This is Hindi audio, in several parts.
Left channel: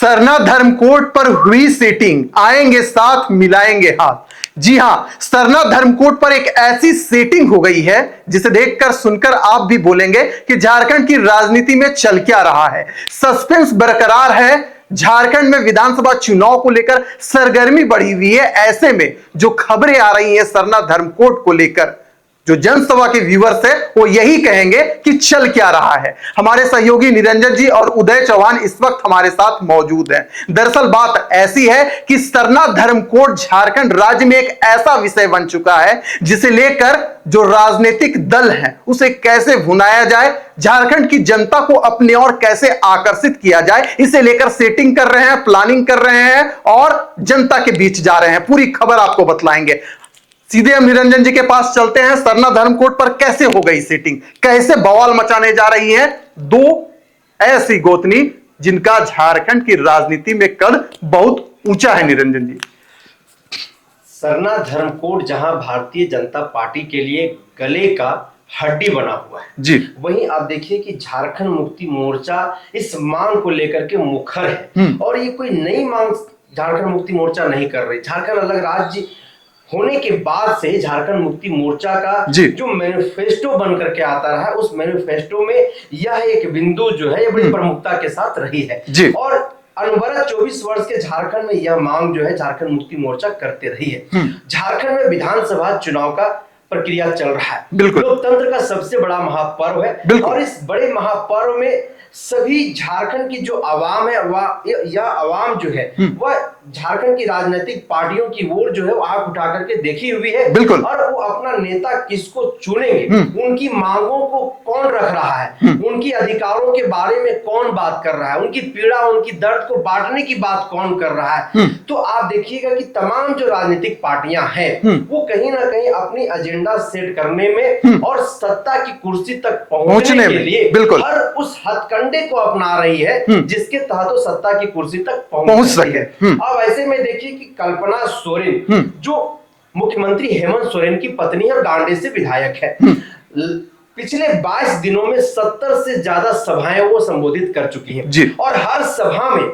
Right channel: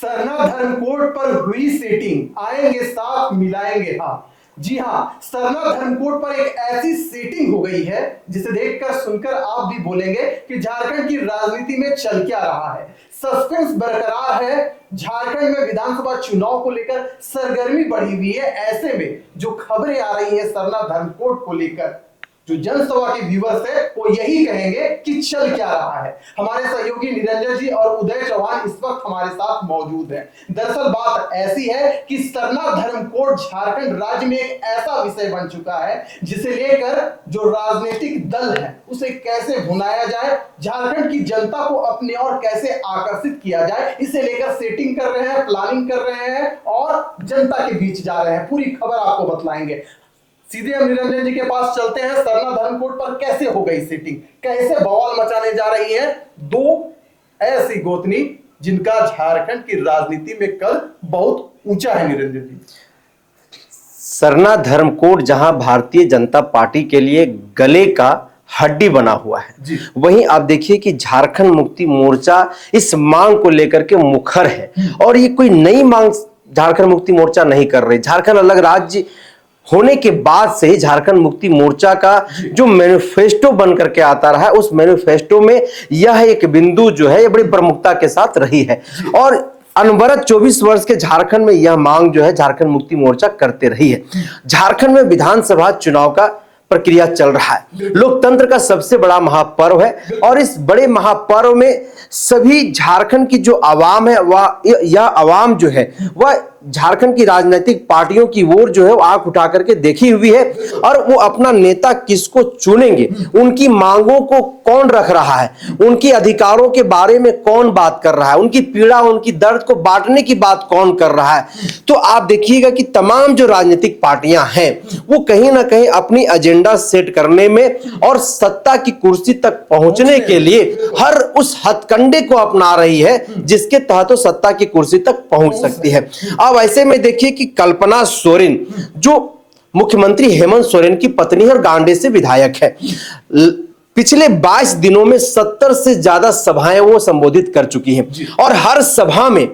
सरना धर्मकोट पर हुई सेटिंग, आएंगे साथ मिलाएंगे हाथ। जी हां, सरना धर्मकोट पर एक ऐसी सेटिंग हो गई है जिसे देखकर सुनकर आप भी बोलेंगे कि झारखंड की राजनीति में चल क्या रहा है। सस्पेंस बरकरार है। झारखंड में विधानसभा चुनाव को लेकर सरगर्मी बढ़ी हुई है। ऐसे में जो खबरें आ रही हैं सरना धर्मकोट को लेकर, जो जनसभा के व्यूअर्स है वो यही कहेंगे कि चल क्या रहा है। हमारे सहयोगी निरंजन जी और उदय चौहान इस वक्त हमारे साथ मौजूद हैं। दरअसल बात ऐसी है कि सरना धर्मकोट झारखंड राज्य में एक ऐसा विषय बन चुका है जिसे लेकर जो राजनीतिक दल है उसे कैसे भुनाया जाए, झारखंड की जनता को अपने ओर कैसे आकर्षित किया जाए, इसे लेकर सेटिंग कर रहे हैं, प्लानिंग कर रहे हैं और जनता के बीच जा रहे हैं। पूरी खबर आपको बतलाएंगे। सीधे हम निरंजन जी के पास चलते हैं। सरना धर्मकोट पर कैसे हो गई सेटिंग, कैसे बवाल मचाने जा रही है दो ऐसी गोतनी जिनका झारखंड की राजनीति में कद बहुत ऊंचा है। निरंजन जी, सरना धर्मकोट जहां भारतीय जनता पार्टी के लिए गले का हड्डी बना हुआ है जी, वहीं आप देखिए कि झारखंड मुक्ति मोर्चा इस मांग को लेकर के मुखर है। और ये कोई नई मांग झारखंड मुक्ति मोर्चा नहीं कर रही। झारखंड अलग राज्य होने के बाद से झारखंड मुक्ति मोर्चा का जो मैनिफेस्टो बन करके आता रहा है, उस मैनिफेस्टो में यह एक बिंदु जो है ये बड़ी प्रमुखता के साथ रही है। और अनवरत 24 वर्ष के झारखंड में यह मांग जो है झारखंड मुक्ति मोर्चा करते रही है। झारखंड में विधानसभा चुनाव का प्रक्रिया चल रहा है। लोकतंत्र का सबसे बड़ा महापर्व है और इस बड़े महापर्व में सभी झारखंड की जो आवाम है वह यह आवाम जो है वह झारखंड की राजनीतिक पार्टियों की ओर जो है वो आंख उठा करके देखी हुई है। और वो अपना नेता किसको चुनेंगे, उनकी मांगों को कौन रख रहा है, उनके अधिकारों के बारे में कौन बात कर रहा है, उनकी पीड़ा उनकी दर्द को बांटने की बात कौन कर रहा है। तो आप देखिएगा कि तमाम जो राजनीतिक पार्टियां हैं वो कहीं ना कहीं अपनी एजेंडा सेट करने में और सत्ता की कुर्सी तक पहुंचने के लिए हर उस हथकंडे को अपना रही है जिसके तहत वो सत्ता की कुर्सी तक पहुंच सकती है। अब ऐसे में देखिए कि कल्पना सोरेन जो मुख्यमंत्री हेमंत सोरेन की पत्नी और गांडे से विधायक है, पिछले 22 दिनों में 70 से ज्यादा सभाएं वो संबोधित कर चुकी हैं। और हर सभा में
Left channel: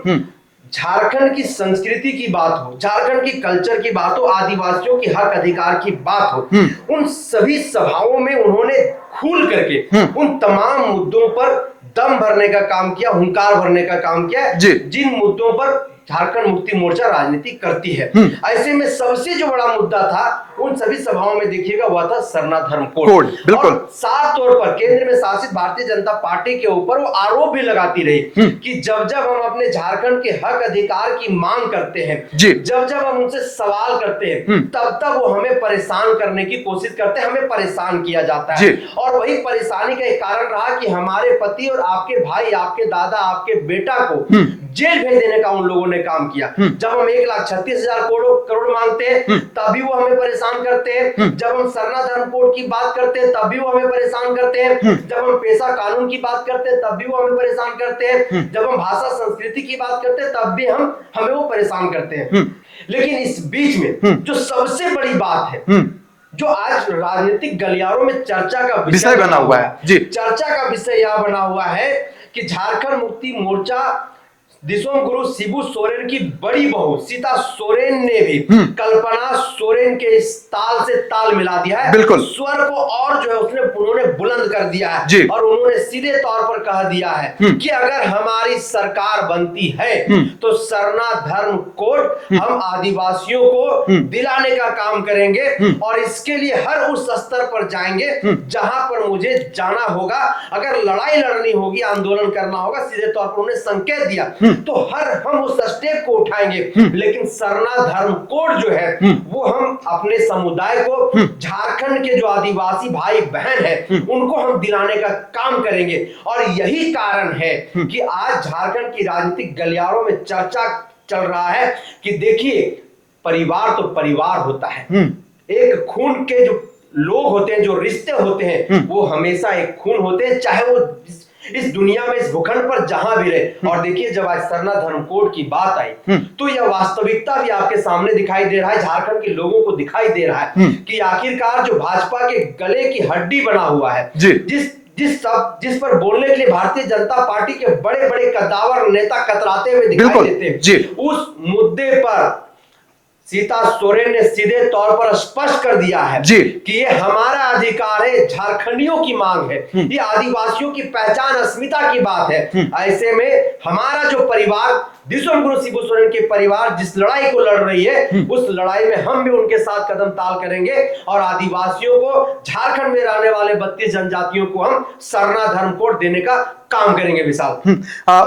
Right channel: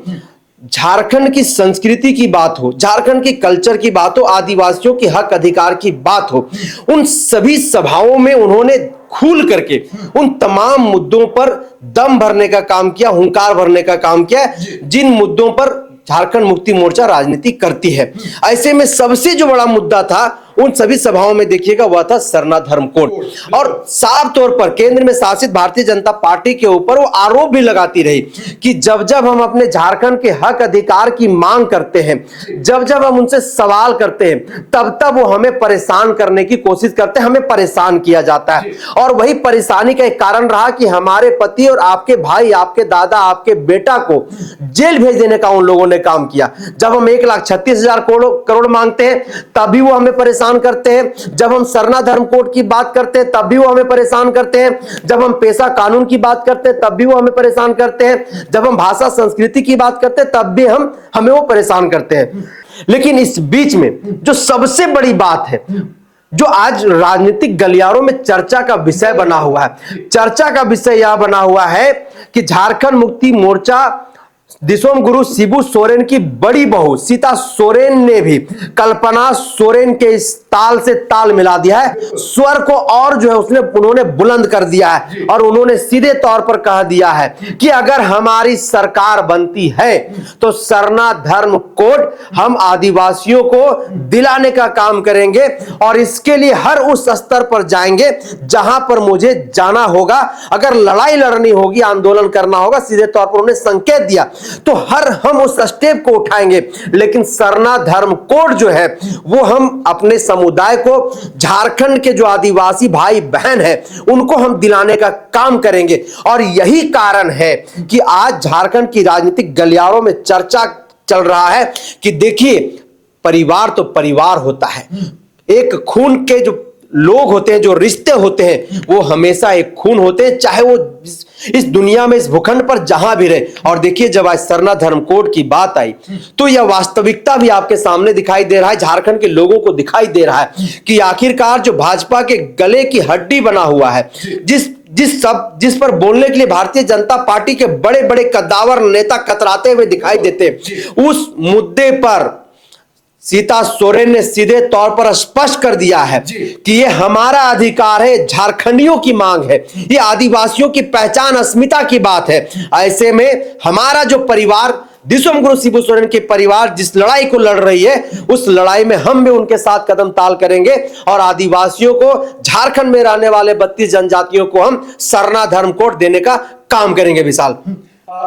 झारखंड की संस्कृति की बात हो, झारखंड की कल्चर की बात हो, आदिवासियों के हक अधिकार की बात हो, उन सभी सभाओं में उन्होंने खुल करके उन तमाम मुद्दों पर दम भरने का काम किया, हुंकार भरने का काम किया जिन मुद्दों पर झारखंड मुक्ति मोर्चा राजनीति करती है। ऐसे में सबसे जो बड़ा मुद्दा था उन सभी सभाओं में देखिएगा वह था सरना धर्मकोट। और साफ तौर पर केंद्र में शासित भारतीय जनता पार्टी के ऊपर वो आरोप भी लगाती रही कि जब जब हम अपने झारखंड के हक अधिकार की मांग करते हैं, जब जब हम उनसे सवाल करते हैं, तब तब वो हमें परेशान करने की कोशिश करते हैं, हमें परेशान किया जाता है। और वही परेशानी का एक कारण रहा कि हमारे पति और आपके भाई, आपके दादा, आपके बेटा को जेल भेज देने का उन लोगों ने काम किया। जब हम 1,36,000 करोड़ मांगते हैं तब भी वो हमें परेशान करते हैं। जब हम सरना धर्मकोट की बात करते हैं तब भी वो हमें परेशान करते हैं। जब हम पेशा कानून की बात करते हैं तब भी वो हमें परेशान करते हैं। जब हम भाषा संस्कृति की बात करते हैं तब भी हमें वो परेशान करते हैं। लेकिन इस बीच में जो सबसे बड़ी बात है, जो आज राजनीतिक गलियारों में चर्चा का विषय बना हुआ है, चर्चा का विषय यह बना हुआ है कि झारखंड मुक्ति मोर्चा दिसोम गुरु शिबू सोरेन की बड़ी बहू सीता सोरेन ने भी कल्पना सोरेन के इस ताल से ताल मिला दिया है। स्वर को और जो है उन्होंने बुलंद कर दिया है और उन्होंने सीधे तौर पर कह दिया है कि अगर हमारी सरकार बनती है तो सरना धर्मकोट हम आदिवासियों को दिलाने का काम करेंगे और इसके लिए हर उस स्तर पर जाएंगे जहां पर मुझे जाना होगा। अगर लड़ाई लड़नी होगी, आंदोलन करना होगा, सीधे तौर पर उन्हें संकेत दिया तो हम उस स्टेप को उठाएंगे। लेकिन सरना धर्मकोट जो है वो हम अपने समुदाय को, झारखंड के जो आदिवासी भाई बहन है उनको हम दिलाने का काम करेंगे। और यही कारण है कि आज झारखंड की राजनीतिक गलियारों में चर्चा चल रहा है कि देखिए परिवार तो परिवार होता है, एक खून के जो लोग होते हैं, जो रिश्ते होते हैं वो हमेशा एक खून होते हैं, चाहे वो इस दुनिया में, इस भूखंड पर जहां भी रहे। और देखिए जब आज सरना धर्मकोट की बात आई तो यह वास्तविकता भी आपके सामने दिखाई दे रहा है, झारखंड के लोगों को दिखाई दे रहा है कि आखिरकार जो भाजपा के गले की हड्डी बना हुआ है, जिस पर बोलने के लिए भारतीय जनता पार्टी के बड़े बड़े कद्दावर नेता कतराते हुए दिखाई देते, उस मुद्दे पर सीता सोरेन ने सीधे तौर पर स्पष्ट कर दिया है कि ये हमारा अधिकार है, झारखंडियों की मांग है, ये आदिवासियों की पहचान अस्मिता की बात है। ऐसे में हमारा जो परिवार, विश्वम गुरु शिबू सोरेन के परिवार जिस लड़ाई को लड़ रही है, उस लड़ाई में हम भी उनके साथ कदम ताल करेंगे और आदिवासियों को, झारखंड में रहने वाले 32 जनजातियों को हम सरना धर्म कोड देने का काम करेंगे। विशाल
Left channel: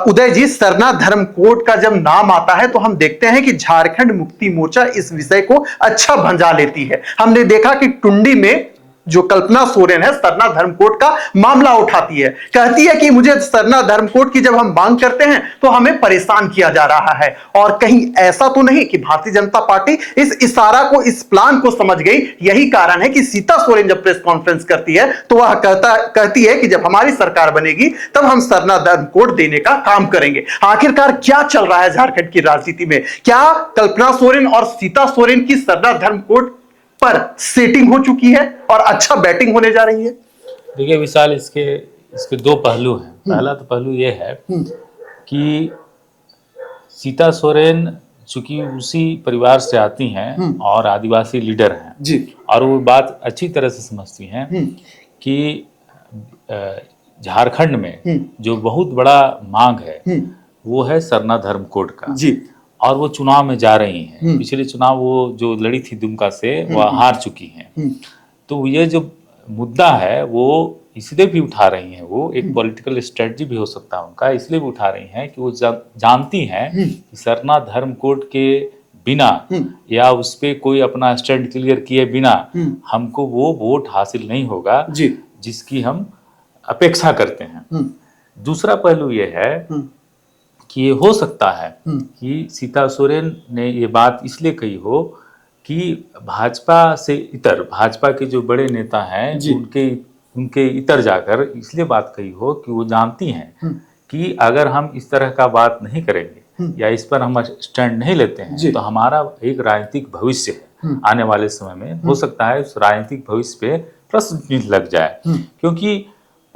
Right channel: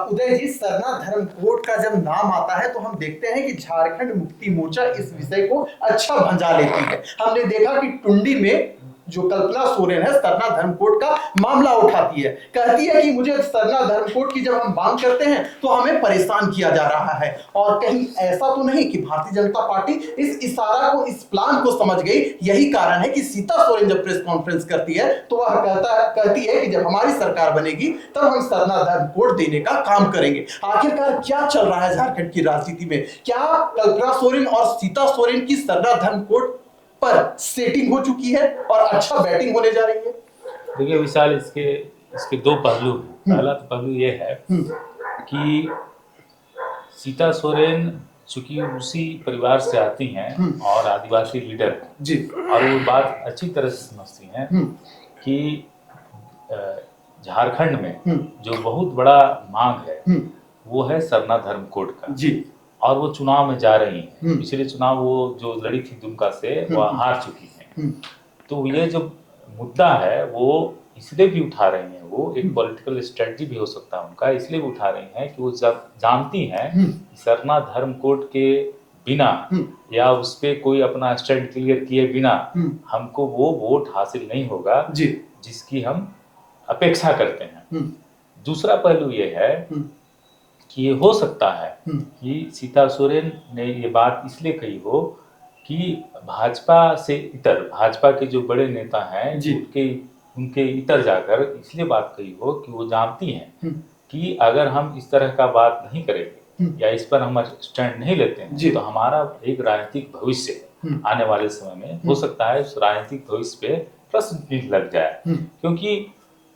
उदय जी, सरना धर्म कोड का जब नाम आता है तो हम देखते हैं कि झारखंड मुक्ति मोर्चा इस विषय को अच्छा भंजा लेती है। हमने देखा कि टुंडी में जो कल्पना सोरेन है, सरना धर्म कोड का मामला उठाती है, कहती है कि मुझे सरना धर्म कोड की जब हम मांग करते हैं तो हमें परेशान किया जा रहा है। और कहीं ऐसा तो नहीं कि भारतीय जनता पार्टी इस इशारा को, इस प्लान को समझ गई। यही कारण है कि सीता सोरेन जब प्रेस कॉन्फ्रेंस करती है तो वह कहती है कि जब हमारी सरकार बनेगी तब हम सरना धर्म कोड देने का काम करेंगे। आखिरकार क्या चल रहा है झारखंड की राजनीति में? क्या कल्पना सोरेन और सीता सोरेन की सरना धर्म कोड पर सेटिंग हो चुकी है और अच्छा बैटिंग होने जा रही है? देखिए विशाल, इसके दो पहलू हैं। पहला तो पहलू ये है कि सीता सोरेन चूंकि उसी परिवार से आती हैं और आदिवासी लीडर हैं जी, और वो बात अच्छी तरह से समझती हैं कि झारखंड में जो बहुत बड़ा मांग है वो है सरना धर्म कोड का जी, और वो चुनाव में जा रही हैं। पिछले चुनाव वो जो लड़ी थी दुमका से, वह हार चुकी हैं। तो ये जो मुद्दा है वो इसलिए भी उठा रही हैं, वो एक पॉलिटिकल स्ट्रेटजी भी हो सकता है उनका, इसलिए भी उठा रही हैं कि वो जब जानती हैं कि सरना धर्म कोड के बिना या उस पर कोई अपना स्टैंड क्लियर किए बिना हमको वो वोट हासिल नहीं होगा जिसकी हम अपेक्षा करते हैं। दूसरा पहलू ये है कि ये हो सकता है कि सीता सोरेन ने ये बात इसलिए कही हो कि भाजपा से इतर, भाजपा के जो बड़े नेता हैं उनके इतर जाकर इसलिए बात कही हो कि वो जानती हैं कि अगर हम इस तरह का बात नहीं करेंगे या इस पर हम स्टैंड नहीं लेते हैं तो हमारा एक राजनीतिक भविष्य आने वाले समय में हो सकता है उस राजनीतिक भविष्य पे प्रश्न चिन्ह लग जाए। क्योंकि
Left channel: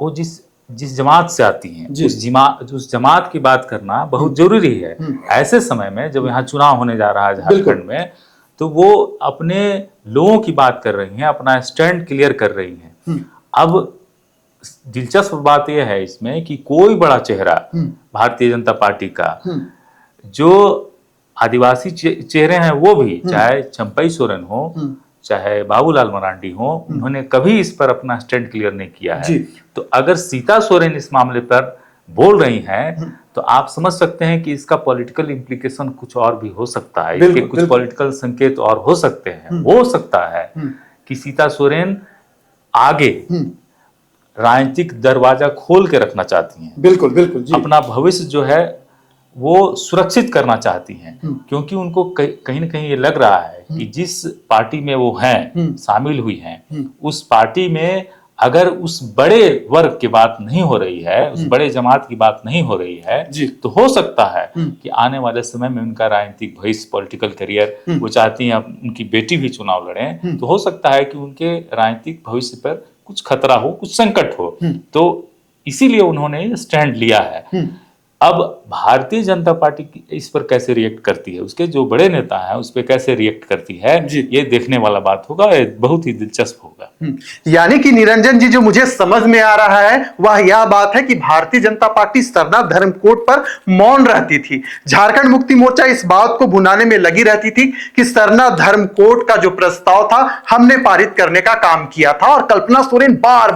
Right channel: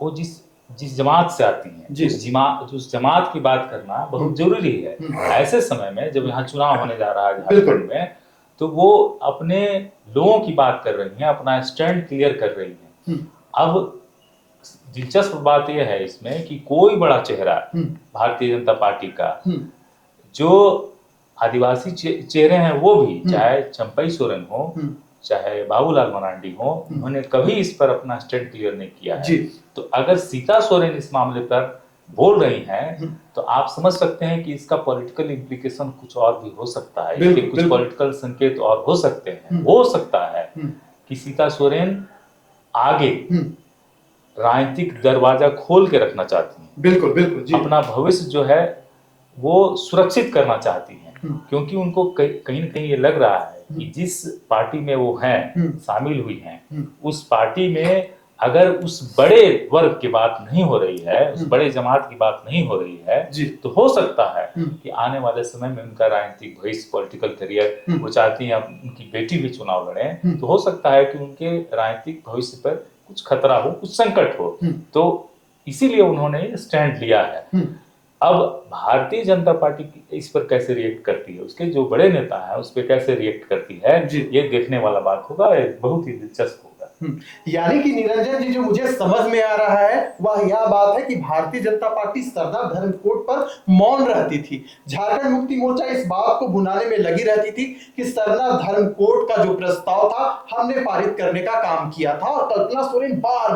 वो जिस जमात से आती हैं उस जमात की बात करना बहुत जरूरी है ऐसे समय में जब यहाँ चुनाव होने जा रहा है झारखंड में। तो वो अपने लोगों की बात कर रही हैं, अपना स्टैंड क्लियर कर रही हैं। अब दिलचस्प बात यह है इसमें कि कोई बड़ा चेहरा भारतीय जनता पार्टी का जो आदिवासी चेहरे हैं वो भी, चाहे चंपई सोरेन हो चाहे बाबूलाल मरांडी हो, उन्होंने कभी इस पर अपना स्टैंड क्लियर नहीं किया है। तो अगर सीता सोरेन इस मामले पर बोल रही हैं तो आप समझ सकते हैं कि इसका पॉलिटिकल इम्प्लीकेशन कुछ और भी हो सकता है, इसके कुछ पॉलिटिकल संकेत और हो सकते हैं। हो सकता है कि सीता सोरेन आगे राजनीतिक दरवाजा खोल के रखना चाहती हैं, बिल्कुल जी। अपना भविष्य जो है वो सुरक्षित करना चाहती हैं, क्योंकि उनको कहीं ना कहीं ये लग रहा है कि जिस पार्टी में वो हैं, शामिल हुई हैं, उस पार्टी में अगर उस बड़े वर्ग की बात नहीं हो रही है, उस बड़े जमात की बात नहीं हो रही है, तो हो सकता है कि आने वाले समय में उनका राजनीतिक भविष्य, पॉलिटिकल करियर, वो चाहती हैं उनकी बेटी भी चुनाव लड़े, तो हो सकता है कि उनके राजनीतिक भविष्य पर कुछ खतरा हो, कुछ संकट हो। तो इसीलिए उन्होंने स्टैंड लिया है। अब भारतीय जनता पार्टी इस पर कैसे रिएक्ट करती है, उसके जो बड़े नेता हैं उस पर कैसे रिएक्ट करती है, ये देखने वाला बात होगा, ये बहुत ही दिलचस्प होगा। यानी कि निरंजन जी, जो मुझे समझ में आ रहा है वह यह बात है कि भारतीय जनता पार्टी सरना धर्म कोड पर मौन रहती थी। झारखंड मुक्ति मोर्चा इस बात को भुनाने में लगी रहती थी कि सरना धर्म कोड का जो प्रस्ताव था हमने पारित करने का काम किया था, और कल्पना सोरेन बार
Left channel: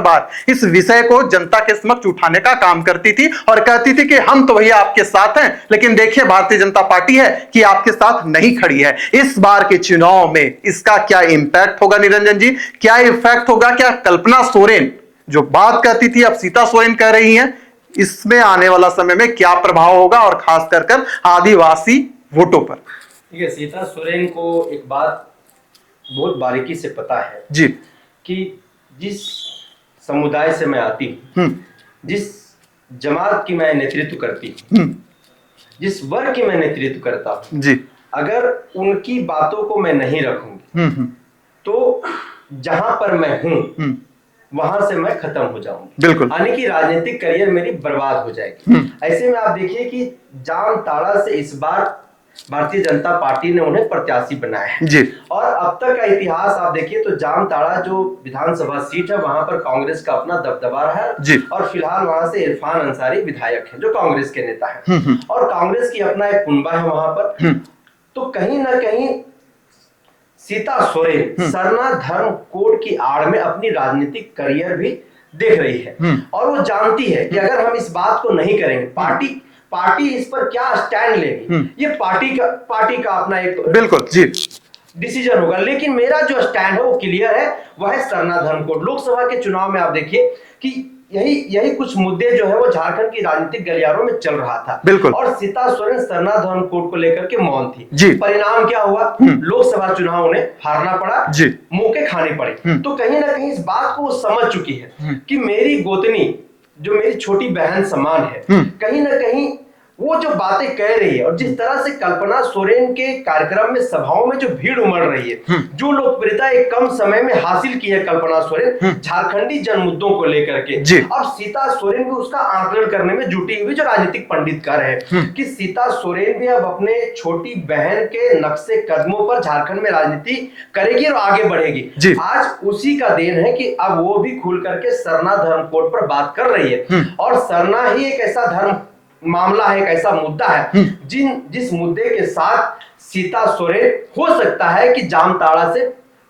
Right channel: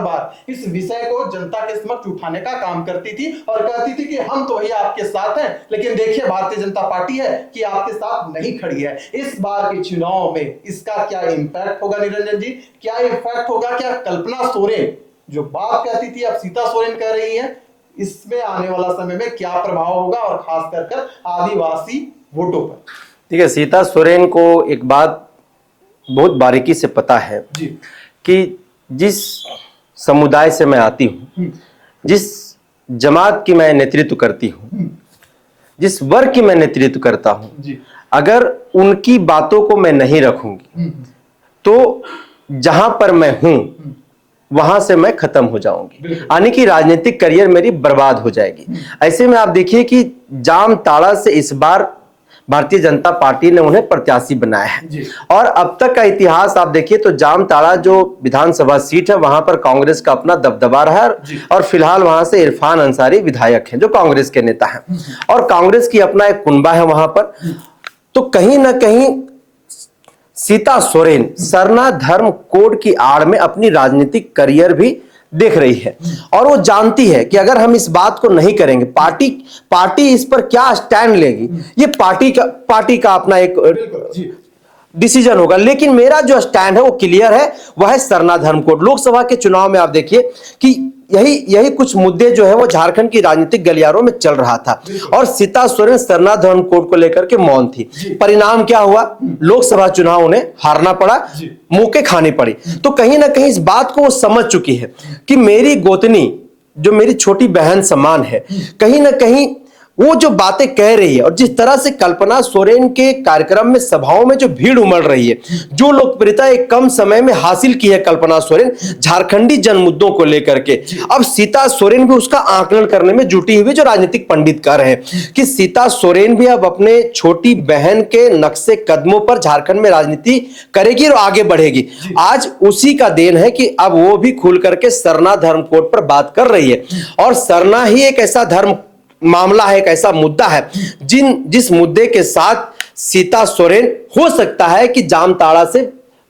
बार इस विषय को जनता के समक्ष उठाने का काम करती थी और कहती थी कि हम तो भैया आपके साथ हैं, लेकिन देखिए भारतीय जनता पार्टी है कि आपके साथ नहीं खड़ी है। इस बार के चुनाव में इसका क्या इंपैक्ट होगा निरंजन जी? क्या इफेक्ट होगा? क्या कल्पना सोरेन जो बात करती थी अब सीता सोरेन कह रही हैं, इसमें आने वाला समय में क्या प्रभाव होगा, और खास कर आदिवासी वोटों पर? ठीक है, सीता सोरेन को एक बात बहुत बारीकी से पता है जी कि जिस समुदाय से मैं आती हूं, जिस जमात की मैं नेतृत्व करती हूं, जिस वर्ग की मैं नेतृत्व करता हूं जी, अगर उनकी बातों को मैं नहीं रखूंगी तो जहां पर मैं हूं वहां से मैं खत्म हो जाऊंगी, बिल्कुल। यानी कि राजनीतिक करियर मेरी बर्बाद हो जाएगी। ऐसे में आप देखिए कि जामताड़ा से इस बार भारतीय जनता पार्टी ने उन्हें प्रत्याशी बनाया है जी। और अब तक का इतिहास आप देखिए तो जामताड़ा जो विधानसभा सीट है वहां पर कांग्रेस का अपना दबदबा रहा है और फिलहाल वहां से इरफान अंसारी विधायक हैं जो कांग्रेस के नेता हैं और कांग्रेस की अपना एक कुनबा है वहां पर। तो कहीं ना कहीं सीता सोरेन सरना धर्म कोड की आड़ में अपनी राजनीतिक करियर भी देख रही है और वो जानती है कि अगर हम इस बात को नहीं करेंगे, पार्टी इस पर क्या स्टैंड लेगी, ये पार्टी का अपना एक बिल्कुल जी डिसीजन होगा। लेकिन मेरा जो स्टैंड है वो क्लियर है, वह है सरना धर्म कोड। लोकसभा के चुनाव में आप देखिए कि यही कुछ मुद्दे जो है वो झारखंड की राजनीतिक गलियारों में चल रहा था बिल्कुल। और सीता सोरेन सरना धर्म कोड को लेकर के मौन थी। परिणाम क्या हुआ, लोकसभा चुनाव उन्हें हारना पड़ा, मुंह खानी पड़ी। तो कहीं ना कहीं इस बात को वो समझ चुकी है कि मेरी गोतनी जो मेरी छोटी बहन समान है, कहीं ना कहीं वो जो बातें कह रही है और जिस तरह से कल्पना सोरेन के कार्यक्रम में सभाओं में जो भीड़ उमड़ रही है, जो लोकप्रियता एक कम समय में हासिल की है कल्पना सोरेन झारखंडी जन मुद्दों को लेकर के, अब सीता सोरेन भी उसका आकलन करने में जुटी हुई। जो राजनीतिक पंडित कह रहे हैं कि सीता सोरेन भी अब अपने छोटी बहन के नक्शे कदमों पर झारखंड में राजनीति करेगी और आगे बढ़ेगी। आज उसी का देन है कि अब वो भी खुल करके सरना धर्म कोड पर बात कर रही है और सरना ही एक ऐसा धर्म मामला है, एक ऐसा मुद्दा है जिस मुद्दे के साथ सीता सोरेन हो सकता है कि जामताड़ा से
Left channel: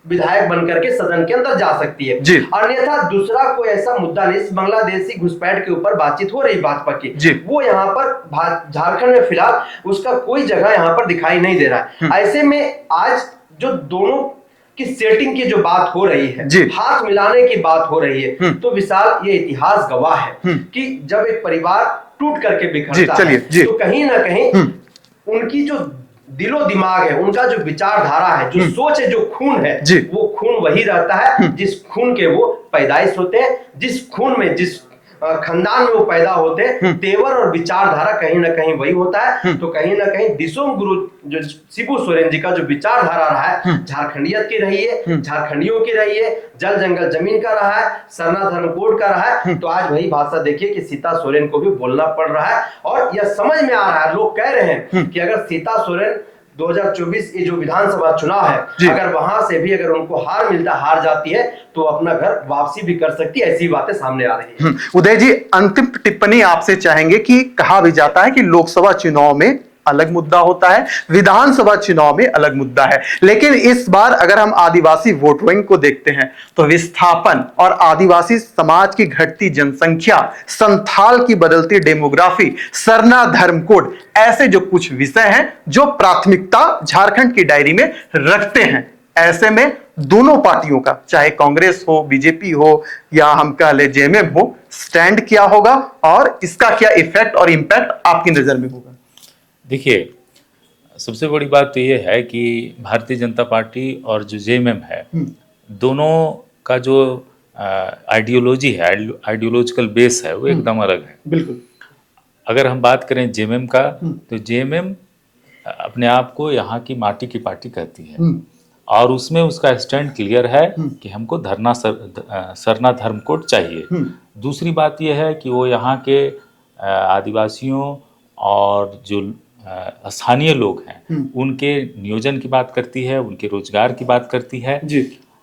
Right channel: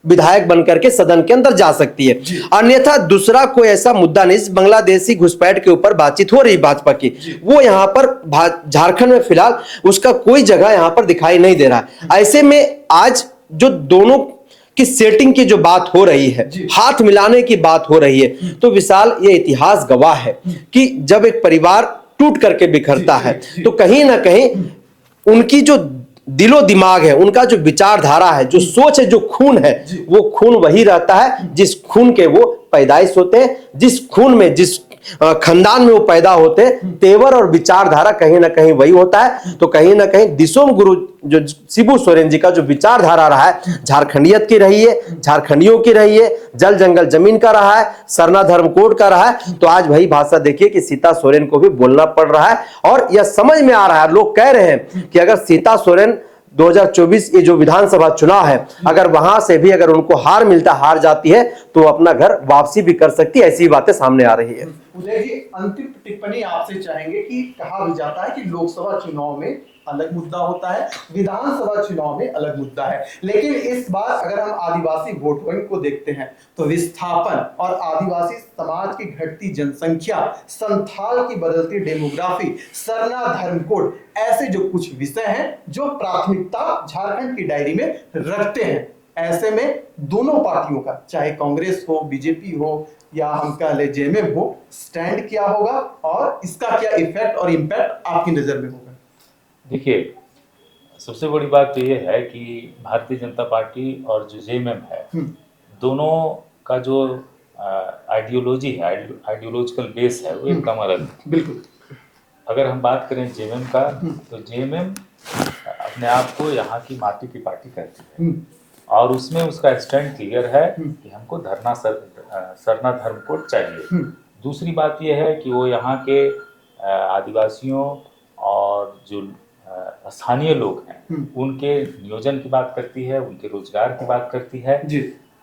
विधायक बनकर के सदन के अंदर जा सकती है। अन्यथा दूसरा कोई ऐसा मुद्दा नहीं। बांग्लादेशी घुसपैठ के ऊपर बातचीत हो रही भाजपा की, वो यहाँ पर झारखंड में फिलहाल उसका कोई जगह यहाँ पर दिखाई नहीं दे रहा है। ऐसे में आज जो दोनों की सेटिंग की जो बात हो रही है, हाथ मिलाने की बात हो रही है, तो विशाल ये इतिहास गवाह है कि जब एक परिवार टूट करके बिखरता है तो कहीं ना कहीं उनकी जो दिलो दिमाग है, उनका जो विचारधारा है, जो सोच है, जो खून है, वो खून वही रहता है जिस खून के वो पैदाइश होते हैं, जिस खून में जिस खानदान में वो पैदा होते हैं। तेवर और विचारधारा कहीं ना कहीं वही होता है। तो कहीं ना कहीं दिसोम गुरु जो शिबू सोरेन जी का जो विचारधारा रहा है, झारखंडियत की रही है, झारखंडियों की रही है, जल जंगल जमीन का रहा है, सरना धर्म कोड का रहा है। तो आज वही भाषा देखिए कि सीता सोरेन को भी बोलना पड़ रहा है और यह समझ में आ रहा है। लोग कह रहे हैं कि अगर सीता सोरेन 2024 ये जो विधानसभा चुनाव है, अगर वहां से भी अगर उनको हार जाती है तो अपना घर वापसी भी कर सकती है। ऐसी बातें सामने आ रही है। उदय जी, अंतिम टिप्पणी आपसे चाहेंगे कि कहा भी जाता है कि लोकसभा चुनाव में अलग मुद्दा होता है, विधानसभा चुनाव में अलग मुद्दा है, लेकिन इस बार अगर हम आदिवासी वोट बैंक को देखते हैं तो विस्थापन और आदिवासी समाज की घटती जनसंख्या, संथाल की बदलती डेमोग्राफी, सरना धर्म कोड, ऐसे जो कुछ विषय हैं जो प्राथमिकता झारखंड की डायरी में रखते हैं। ऐसे में दोनों पार्टियों का, चाहे कांग्रेस हो, बीजेपी हो या हम कह ले जेएमएम हो, स्टैंड क्या होगा और इसका क्या इफेक्ट और इंपैक्ट आपकी नजर में होगा? देखिए, सबसे बड़ी बात तो ये है कि भारतीय जनता पार्टी और जो जेएमएम है, दोनों का जो आइडियोलॉजी है, आइडियोलॉजिकल बेस है, वो एकदम अलग है। बिल्कुल। अगर हम बात करें जेएमएम का, तो जेएमएम अपने आप को यहाँ की माटी की पार्टी कहती है और उसमें उसका स्टैंड क्लियर है कि हमको सरना धर्म कोड चाहिए। दूसरी बात यह है कि वो यहाँ के आदिवासियों और जो स्थानीय लोग हैं उनके नियोजन की बात करती है, उनके रोजगार की बात करती है,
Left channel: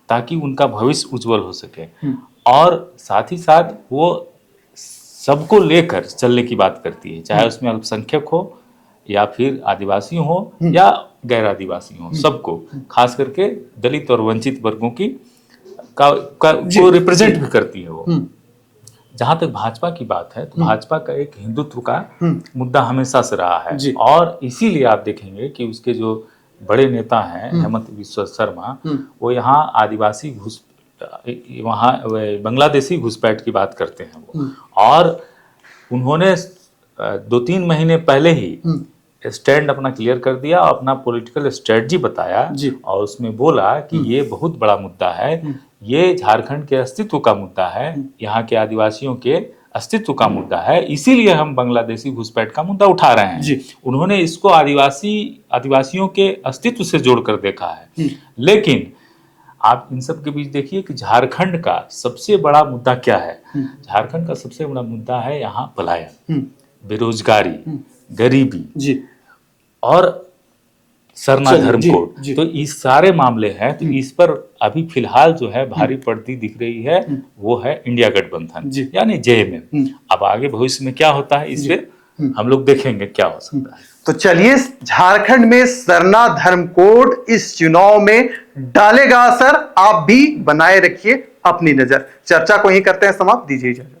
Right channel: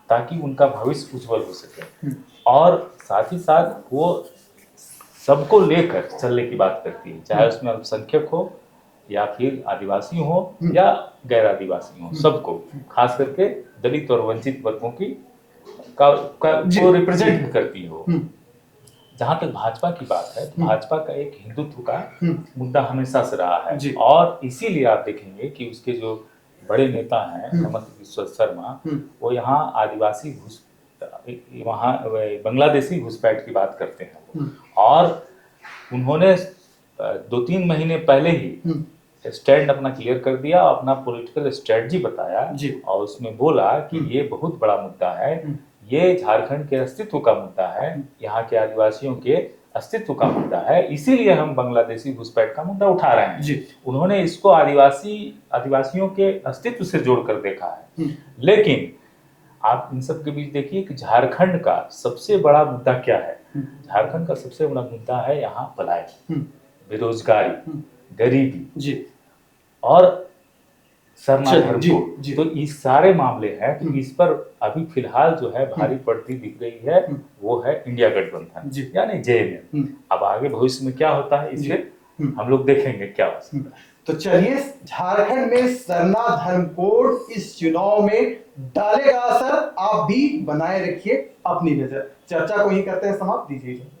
ताकि उनका भविष्य उज्जवल हो सके। और साथ ही साथ वो सबको लेकर चलने की बात करती है, चाहे उसमें अल्पसंख्यक हो या फिर आदिवासी हो या गैर आदिवासी हो, सबको, खास करके दलित और वंचित वर्गों की को रिप्रेजेंट भी करती है वो। जहां तक भाजपा की बात है तो भाजपा का एक हिंदुत्व का मुद्दा हमेशा से रहा है और इसीलिए आप देखेंगे कि उसके जो बड़े नेता हैं हेमंत बिस्वा शर्मा, वो यहाँ आदिवासी वहाँ बांग्लादेशी घुसपैठ की बात करते हैं वो। और उन्होंने 2-3 महीने पहले ही स्टैंड अपना क्लियर कर दिया, अपना पॉलिटिकल स्ट्रेटजी बताया और उसमें बोला कि ये बहुत बड़ा मुद्दा है, ये झारखंड के अस्तित्व का मुद्दा है, यहाँ के आदिवासियों के अस्तित्व का मुद्दा है, इसीलिए हम बांग्लादेशी घुसपैठ का मुद्दा उठा रहे हैं। उन्होंने इसको आदिवासियों के अस्तित्व से जोड़कर देखा है। लेकिन आप इन सब के बीच देखिए कि झारखंड का सबसे बड़ा मुद्दा क्या है। झारखंड का सबसे बड़ा मुद्दा है यहाँ पलायन, बेरोजगारी, गरीबी जी और सरना चलिए, धर्म जी, कोड। जी। तो इस सारे मामले हैं, तो इस पर अभी फिलहाल जो है भारी पड़ती दिख रही है वो है इंडिया गठबंधन, जी। यानी जेएमएम। अब आगे भविष्य में क्या होता है इस पे हम लोग देखेंगे क्या हो सकता है। तो चलिए, झारखंड में सरना धर्म कोड इस चुनाव में डालेगा असर। आप भी बनाए रखिए अपनी नजर। चर्चा को यहीं करते हैं समाप्त, दीजिए इजाजत।